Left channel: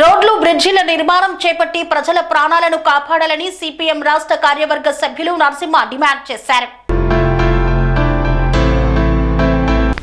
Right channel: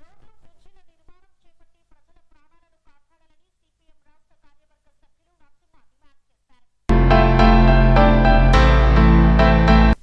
రోడ్లు బ్రిడ్జిల నిర్మాణం చేపట్టి ప్రజల ప్రాణాలను కాపాడాలని సిపిఎం రాష్ట్ర కార్యవర్గ సభ్యులు నరసింహ డిమాండ్ చేశారు.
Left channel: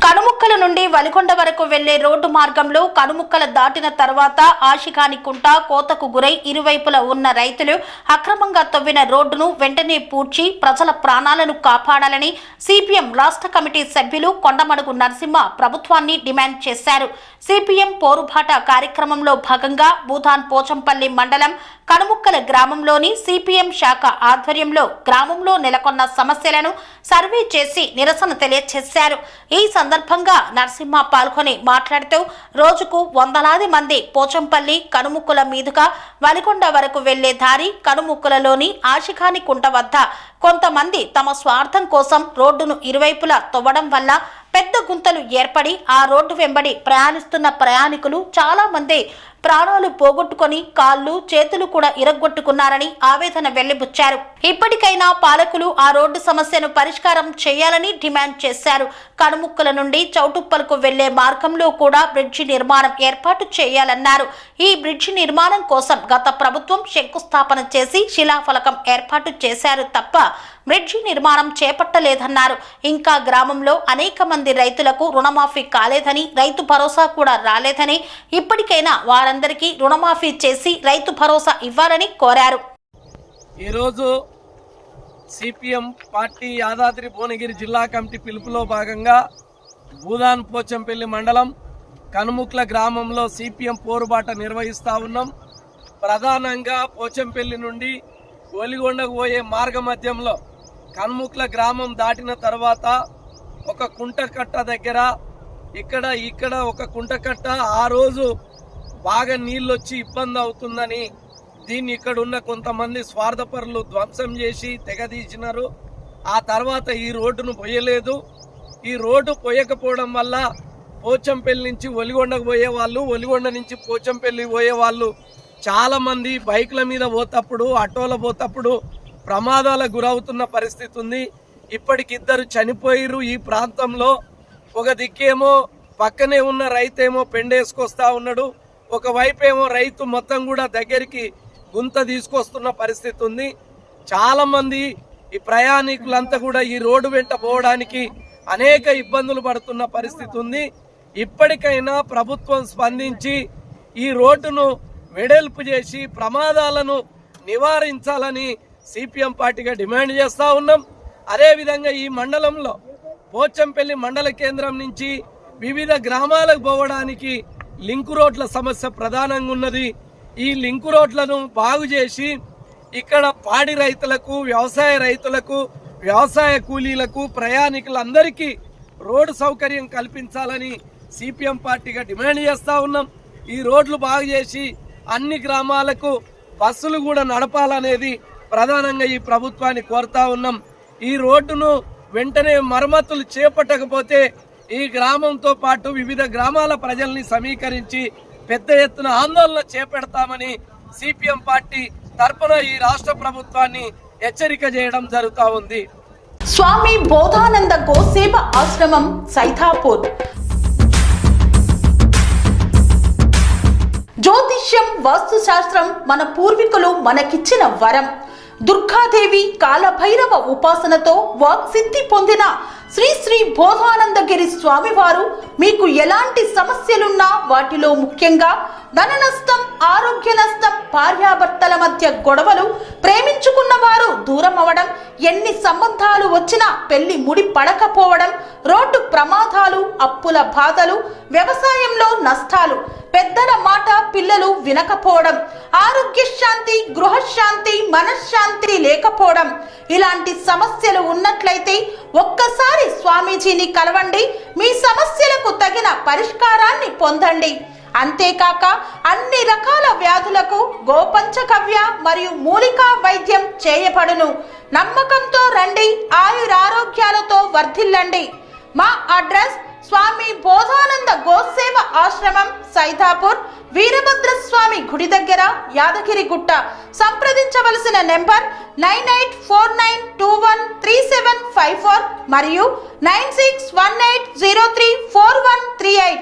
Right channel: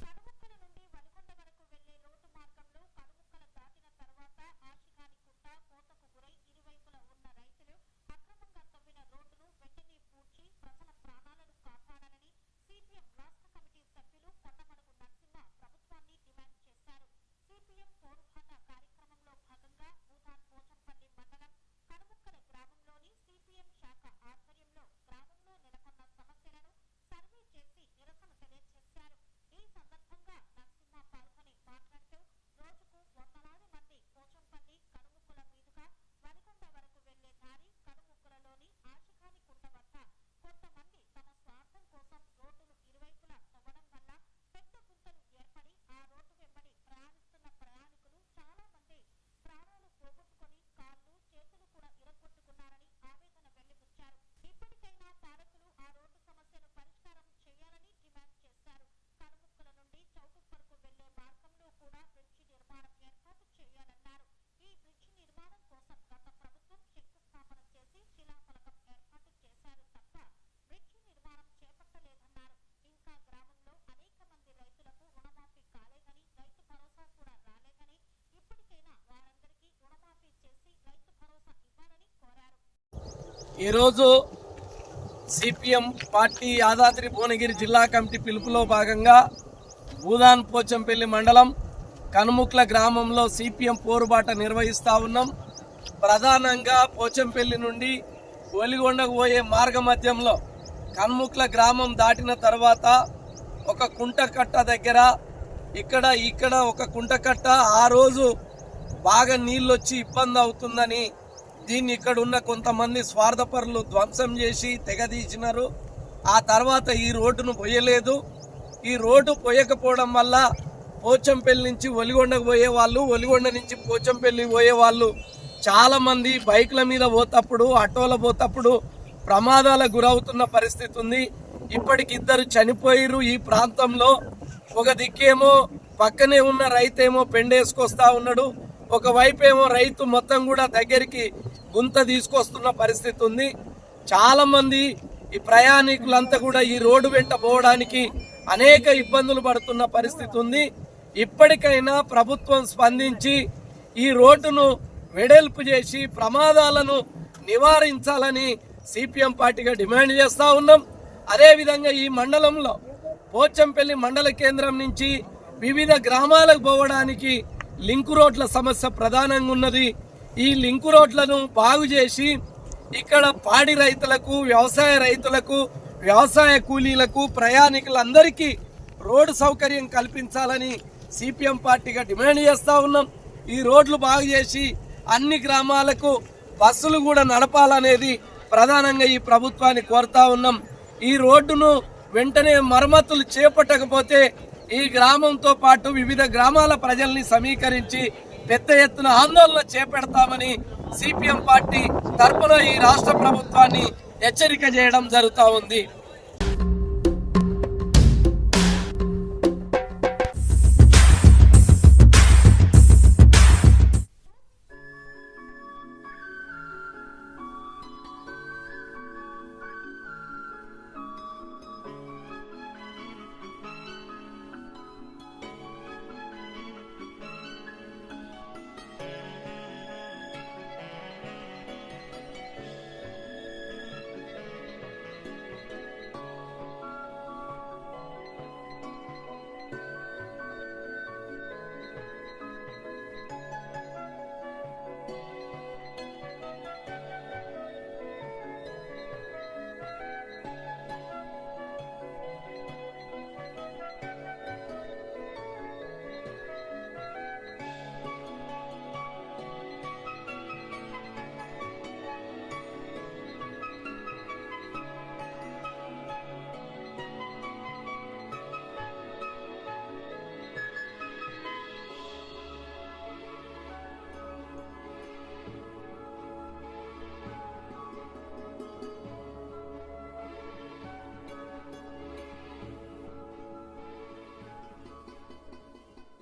కనుముక్కల నుండి వలిగొండ వరకు వెళ్లే రోడ్డు మార్గంలో కనుముక్కల దాటిన తర్వాత ఆశికాని కుంట కోతకు గురై ఇరువైపులా ఉన్న రైతులు అక్రమంగా తవ్విన రోడ్డును వెంటనే పూడ్చి ప్రజల ప్రాణాలను కాపాడాలని సిపిఎం రాష్ట్ర కమిటీ సభ్యులు కొండమడుగు నరసింహ ప్రభుత్వాన్ని డిమాండ్ చేశారు. సిపిఎం పోరుబాట కార్యక్రమంలో భాగంగా భూదాన్ పోచంపల్లి మండలం కనుముక్కల గ్రామంలోని సిపిఎం శాఖ ఆధ్వర్యంలో గ్రామంలో నెలకొన్న సమస్యలను సర్వే చేసి నిరసన తెలియజేశారు. ఈ సందర్భంగా నరసింహ పాల్గొని మాట్లాడుతూ రోజుకు వందలాది మంది పోచంపల్లి కనుముక్కల మీదుగా వలిగొండ వరకు వెళ్లే దారి కనుముక్కలలోని ఆశికాని కుంట వద్ద కొంతమంది తమ స్వార్థం కోసం రోడ్డును ఇరువైపులా తవ్వడం వల్ల పెద్ద గుంతలు ఏర్పడి ఆ రోడ్డు వెంబడి ప్రయాణిస్తున్న ప్రయాణికులు చాలా మంది ప్రాణాలు పోగొట్టుకొని కాళ్ళు చేతులు కూడా ఇరగ్గొట్టుకున్నారని ఆవేదన వెళ్లిబుచ్చారు. ఇప్పటికైనా పాలకులు ఆ రోడ్డు సమస్యను పరిష్కారం చేయాలని డిమాండ్ చేశారు. కనుముక్కల నుండి చౌటుప్పలకు వెళ్లే మార్గంలో కూడా బ్రిడ్జి నిర్మాణం ఏర్పాటు చేయాలన్నారు. ఈ బ్రిడ్జి నిర్మాణం కోసం గత ప్రభుత్వం శంకుస్థాపన చేసి శిలాఫలకం ఏర్పాటు చేశారు తప్ప బ్రిడ్జి నిర్మాణం చేపట్టలేదన్నారు. ఇంకా గ్రామంలో అనేక మంది రైతులకు రుణమాఫీ కాలేదని, రైతు భరోసా కూడా రాలేదని, ఇప్పటికైనా వారందరికీ రుణమాఫీ చేసి రైతు భరోసా ఇవ్వాలని కోరారు. ఈరోజు సిపిఎం పార్టీ యాదాద్రి భువనగిరి జిల్లా కమిటీ పిలుపులో భాగంగా భూదాన్ పోచంపల్లి మండలం కనుముక్ల గ్రామంలో సిపిఎం పోరుబాట నిర్వహిస్తూ ఉన్నాం. ప్రధానంగా పోచంపల్లి నుండి ఒలిగొండకు పోయే మార్గ మధ్యంలో కనుముక్ల గ్రామం దాటిన తర్వాత ఒక కుంటకట్ట దగ్గర ఇక్కడ ఒక కుంటకట్ట ఆ రోజు బాగా నీళ్ళు వచ్చి ఇబ్బంది అవుతుందని దీన్ని ఇక్కడ ఉన్న కొంతమంది స్వార్థపరులు ధ్వంసం చేసి తెగదీసినారు. ఆ తర్వాత ఈ రోడ్డును పోయలేదు. ఈ రోడ్డు పోయకపోవడం వల్ల పోచంపల్లి నుంచి ఒలిగొండకు పోయేవాళ్ళు, ఒలిగొండ నుంచి పోచంపల్లి పోయేవాళ్ళు చాలామంది బైక్ల మీద పోతప్పుడు, ఆటోలో పోతప్పుడు ప్రమాదాలకు గురవుతున్న పరిస్థితి ఉంది. ఇప్పటికిద్దరు చనిపోయిరు. ఈ ప్రాంతంలో ఒక దిక్కేమో పక్కనే ఉన్న రైతేమో పెండేసుకొస్తా ఉన్నాడు, ఒకవైపేమో రైతు మొత్తం కూడా దగ్గరికి గుంత తీసుకొస్తున్న పరిస్థితి ఉంది. చాలామంది ఈ ప్రయాణికులంతా కూడా ఈ రోడ్డు వెంట పోవడానికి అనేక ఇబ్బందులు పడుతున్న పరిస్థితి ఉంది. ఇప్పటికైనా ప్రభుత్వం స్పందించి ఈ రోడ్డును వెడల్పు చేసి ప్రమాదాలను నివారించాలని సిపిఎం పార్టీగా డిమాండ్ చేస్తూ ఉన్నాం. అదేవిధంగా ఈ మండలంలో పోచంపల్లి మండల కేంద్రం నుంచి వివిధ గ్రామాలకు పోవడానికి లింకు రోడ్ల సమస్య ప్రధానంగా ఉన్నది. ఈ లింకు రోడ్లను బాగు చేసి ఇక్కడ పాడి రైతులకు, వ్యవసాయ రైతులకు, వ్యవసాయ కూలీలకు, ప్రయాణికులందరికీ రోడ్డు సౌకర్యం కల్పించాలని సిపిఎం పార్టీగా డిమాండ్ చేస్తూ ఉన్నాం. ఈ రోడ్లు బాగు చేసి అన్ని గ్రామాలకు బస్సులు కూడా నడపాలనేది ప్రధానంగా ఈ ప్రభుత్వాన్ని కోరుతా ఉన్నాం. ఈ రోడ్డును వెంటనే మరమ్మతులు చేపట్టకపోతే ఈ గ్రామంతో పాటు వివిధ గ్రామాల ప్రజల్ని సమీకరించి పెద్ద ఎత్తున ఆందోళన చేపడతామని సిపిఎం పార్టీ తరపున ఈ రాష్ట్ర ప్రభుత్వాన్ని హెచ్చరిక చేయడం జరుగుతూ ఉంది. స్వామి బోధానంద గోసేవ ఆశ్రమం సైథాపూర్. జ్యోతిష్యం, వాస్తుశాస్త్రం మన పూర్వీకులు మనకిచ్చిన వరం. దుర్గాదేవి, కాలభైరవ ఉపాసనతో వాక్సిద్ధి పొందిన శ్రీ శ్రీ బోధానందగిరి స్వామివారు మీకు ఎలాంటి సమస్యలున్నా, వాటిలో ముఖ్యంగా ధన నష్టం, ఆరోగ్య నష్టం, భార్యాభర్తల మధ్య గొడవలు, ప్రేమించుకున్న వారు దూరం అవడం, ఎన్ని సంబంధాలు వచ్చినా పెళ్లి ముడి పడకపోవడం, రోడ్డు ప్రమాదాలు, అప్పుల బాధలు, వ్యవసాయంలో నష్టాలు, పెద్దల మాట పిల్లలు వినకపోవడం, ఆరోగ్య శాంతి, గృహశాంతి, మనశ్శాంతి లేకపోవడం, ఇలాంటి సమస్యలు ఉన్నట్లయితే ఒక్కసారి స్వామీజీని కలవండి. మీ సమస్యలకు తగిన పరిష్కారాన్ని పొందండి. అంతేకాక అన్ని రకాల వ్యాధులకు గోపంచకవ్య మరియు మూలికా వైద్యం చేయబడును. నమ్మకంతో రండి, ఆయురారోగ్యాలతో వర్ధిల్లండి. మా అడ్రస్ స్వామి బోధానంద గోసేవ ఆశ్రమం, సైథాపూర్, వీరభద్రస్వామి గుడి దగ్గర, యాదగిరిగుట్ట. సంప్రదించవలసిన నెంబర్ 9849213754 మరియు 9618034138.